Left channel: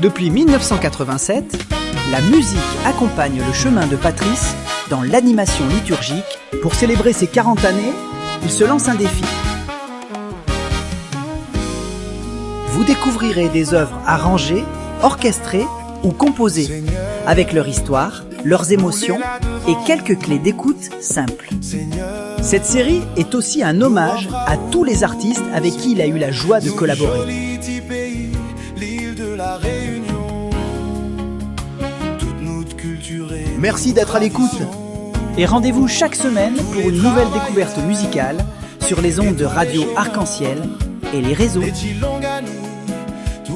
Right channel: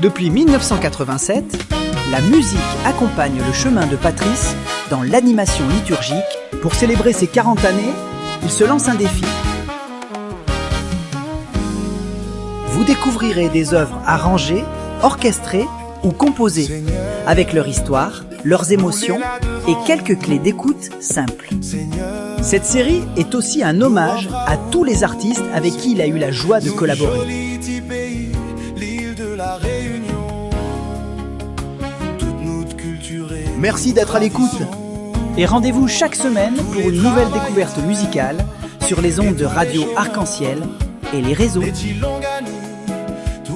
Depuis 1987, la musique accompagne le chemin de Patrice dans l'animation liturgique. Pour célébrer ses 40 années, il se lance un défi. Vous découvrirez des œuvres arrangées, orchestrées ou composées, avec leur histoire, leurs émotions et quelques clés d'écoute simples. Cette série est aussi un hommage à tous les artistes avec qui il a eu la joie de collaborer. Merci d'être à l'écoute et rendez-vous chaque semaine pour une nouvelle découverte musicale sur les ondes de Radio Arc-en-Ciel et les réseaux.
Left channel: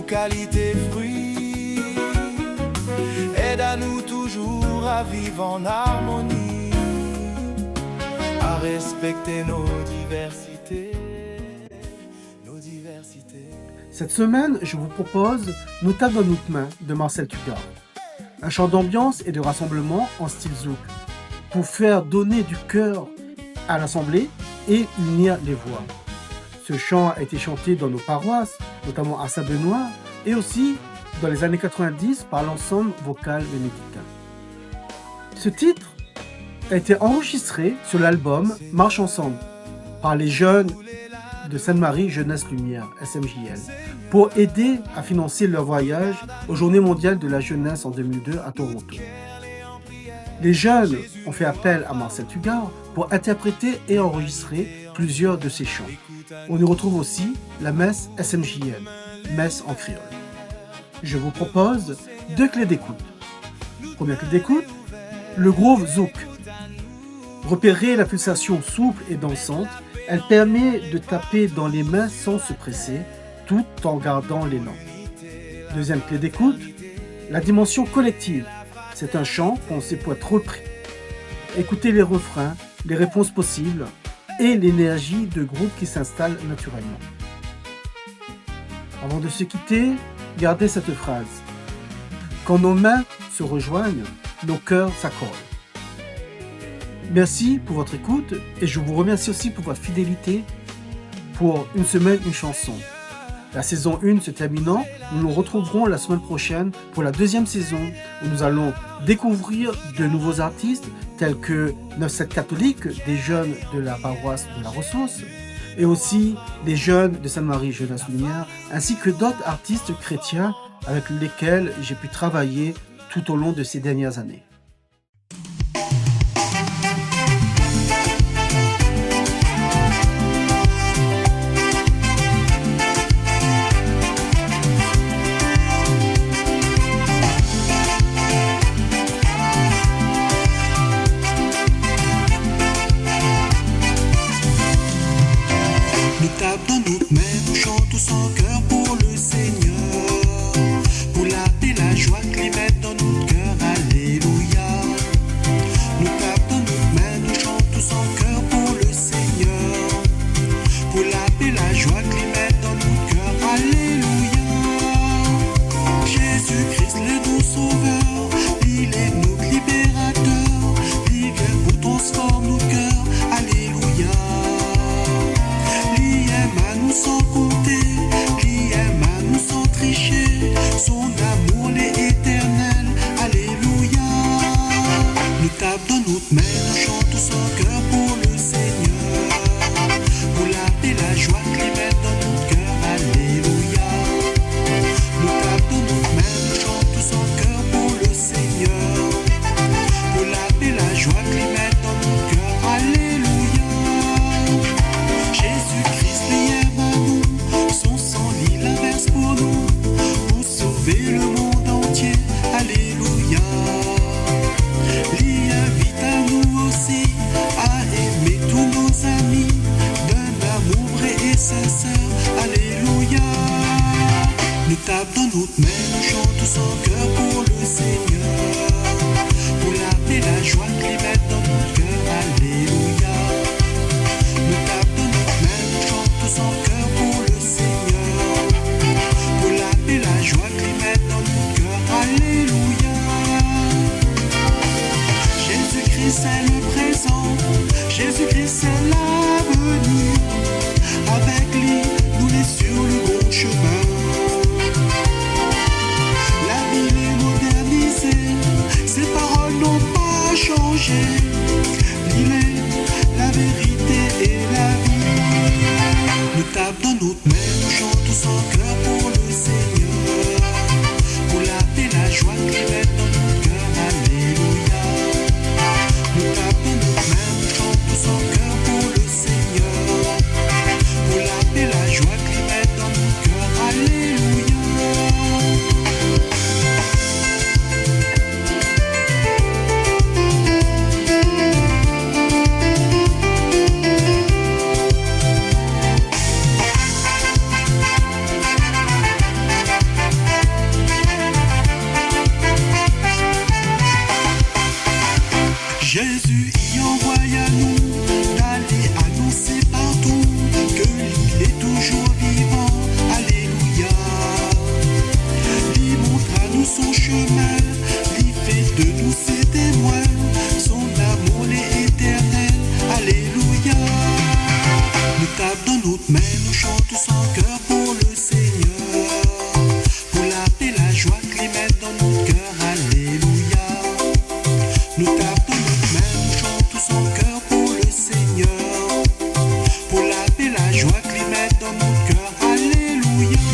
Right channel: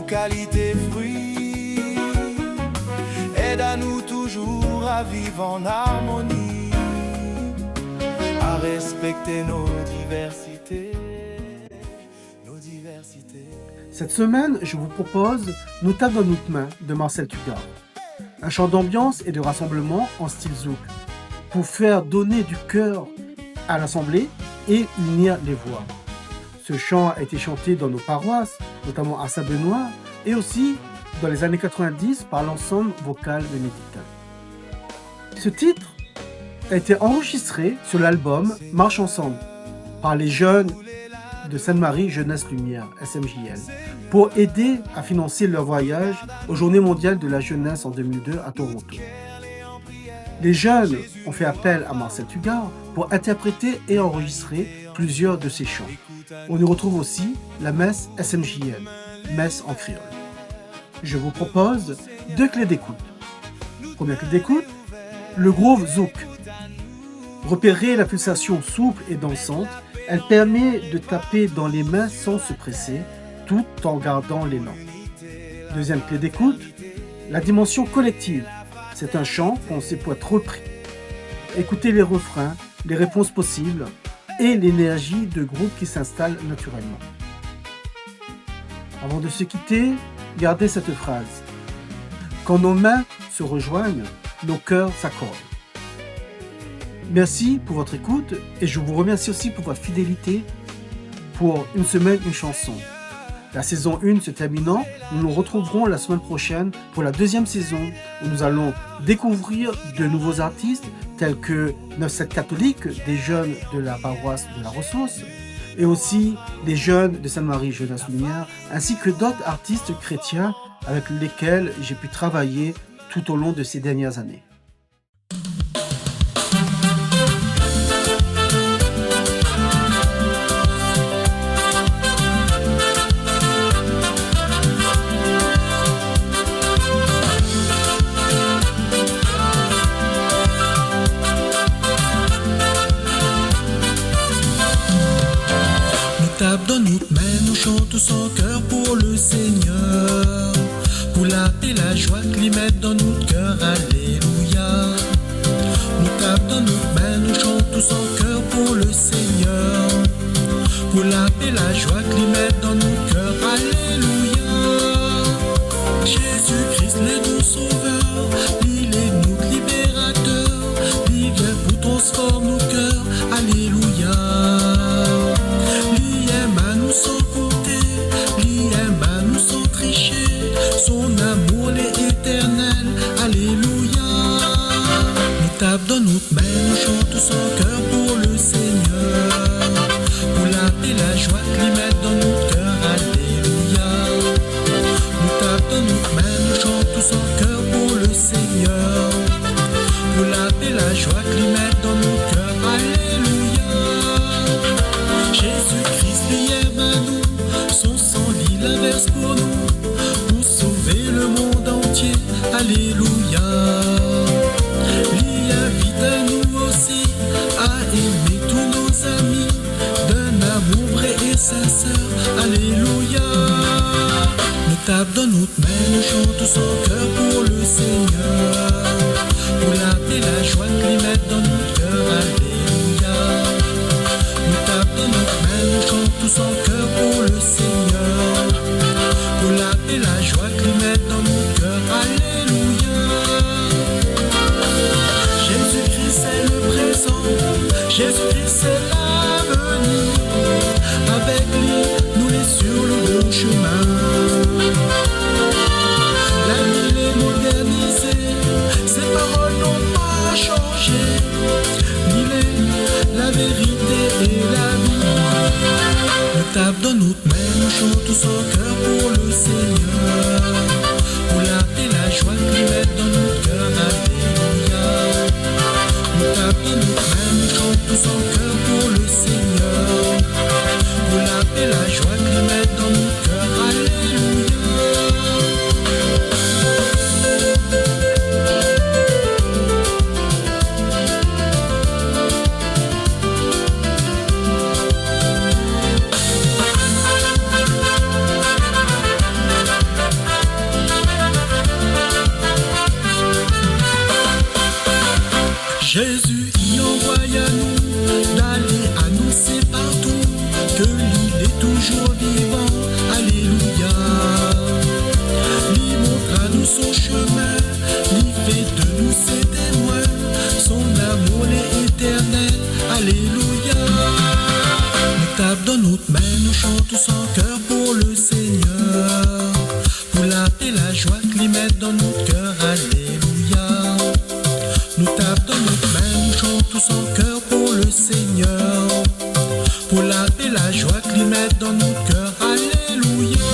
Qualité fruit, aide à nous toujours à vivre en harmonie, à respecter nos diversités. Cette semaine, je vous propose Nous tape dans notre main de Marcel Tuggar. Un chant d'ambiance et de rassemblement en style zouk, pour faire donner du cœur à l'assemblée et unir les voix. Ce chant a été chanté dans nos paroisses, notamment à Saint-Benoît, et aussi dans les années 90 par l'ensemble vocal bénédictin. Ce titre a été enregistré sur l'album Marche Ensemble par les jeunes de Sainte-Marie Jeunesse Lumière, SMJL, pour aider à financer leur voyage aux Journées mondiales de la jeunesse en 2002 à Toronto. Les jeunes ont fait appel à Marcel Tuggar pour interpréter et enregistrer plusieurs de ses chants. On y retrouve aussi la messe SMJL, messe en créole. Je vous propose 2 clés d'écoute. Première clé d'écoute, le groove zouk. Repérez la pulsation souple et dansante, elle permet de taper dans les mains sans se presser, tout en gardant l'élan. Deuxième clé d'écoute, la dimension collective. C'est un chant pensé pour être repris. Écoutez les refrains, les réponses possibles et l'énergie de groupe qui s'installe naturellement. Avant de se quitter, gardez cette phrase. Quand nos mains se rejoignent, nos cœurs s'accordent. Merci pour votre écoute et je vous remercie aussi pour votre fidélité pour Une semaine, une chanson. La saison 1 se terminant, nous nous retrouverons la semaine prochaine pour la 2e saison où nous allons découvrir de nouveaux artistes tels que 9-7 catholiques, des jeunes de la paroisse de la Ressource et aussi des jeunes de Sainte-Marie Jeunesse Lumière ainsi que d'autres artistes chrétiens avec lesquels j'ai pu travailler tout au long de ces dernières années. Tape dans notre main, nous chantons tous en cœur pour le Seigneur, pour la paix, la joie qu'il met dans notre cœur, alléluia. Nous tape dans notre main, nous chantons tous en cœur pour le Seigneur, pour la paix, la joie qu'il met dans notre cœur, alléluia. Jésus-Christ, le doux sauveur, il est notre libérateur, il vient pour transformer nos cœurs, alléluia. Sans compter, lui aime à nous sans tricher, son amour est éternel, alléluia. Nous tape dans notre main, nous chantons tous en cœur pour le Seigneur, pour la paix, la joie qu'il met dans notre cœur, alléluia. Nous tape dans notre main, nous chantons tous en cœur pour le Seigneur, pour la paix, la joie qu'il met dans notre cœur, alléluia. Jésus-Christ lui aime à nous, son sang lit la verse pour nous, pour sauver le monde entier, alléluia. Lui invite à nous aussi à aimer tous nos amis, d'un amour vrai et sincère, alléluia. Nous tape dans notre main, nous chantons tous en cœur pour le Seigneur, pour la paix, la joie qu'il met dans notre cœur, alléluia. Nous tape dans notre main, nous chantons tous en cœur pour le Seigneur, pour la paix, la joie qu'il met dans notre cœur, alléluia. Jésus-Christ est le présent, Jésus-Christ est l'avenir, avec lui nous les sur le bon chemin. éternisé. Ses paroles n'ont pas changé. Il est la vérité et la vie. Nous tape dans notre main, nous chantons sans cœur pour le Seigneur. Pour la paix, la joie qu'il met dans notre cœur. Alléluia. Nous tape dans notre main, nous chantons sans cœur pour le Seigneur. Pour la paix, la joie qu'il met dans notre cœur. Alléluia. Jésus y envoie à nous d'aller annoncer partout que l'île est toujours vivant. Alléluia. L'y montre à nous son chemin, l'y fait de nous ses témoins. Son amour est éternel. Alléluia. Nous tape dans notre main, nous chantons sans cœur pour le Seigneur. Pour la paix, la joie qu'il met dans notre cœur. Alléluia. Nous tape dans notre main, nous chantons sans cœur pour le Seigneur. Pour la paix, la joie qu'il met dans notre cœur. Alléluia.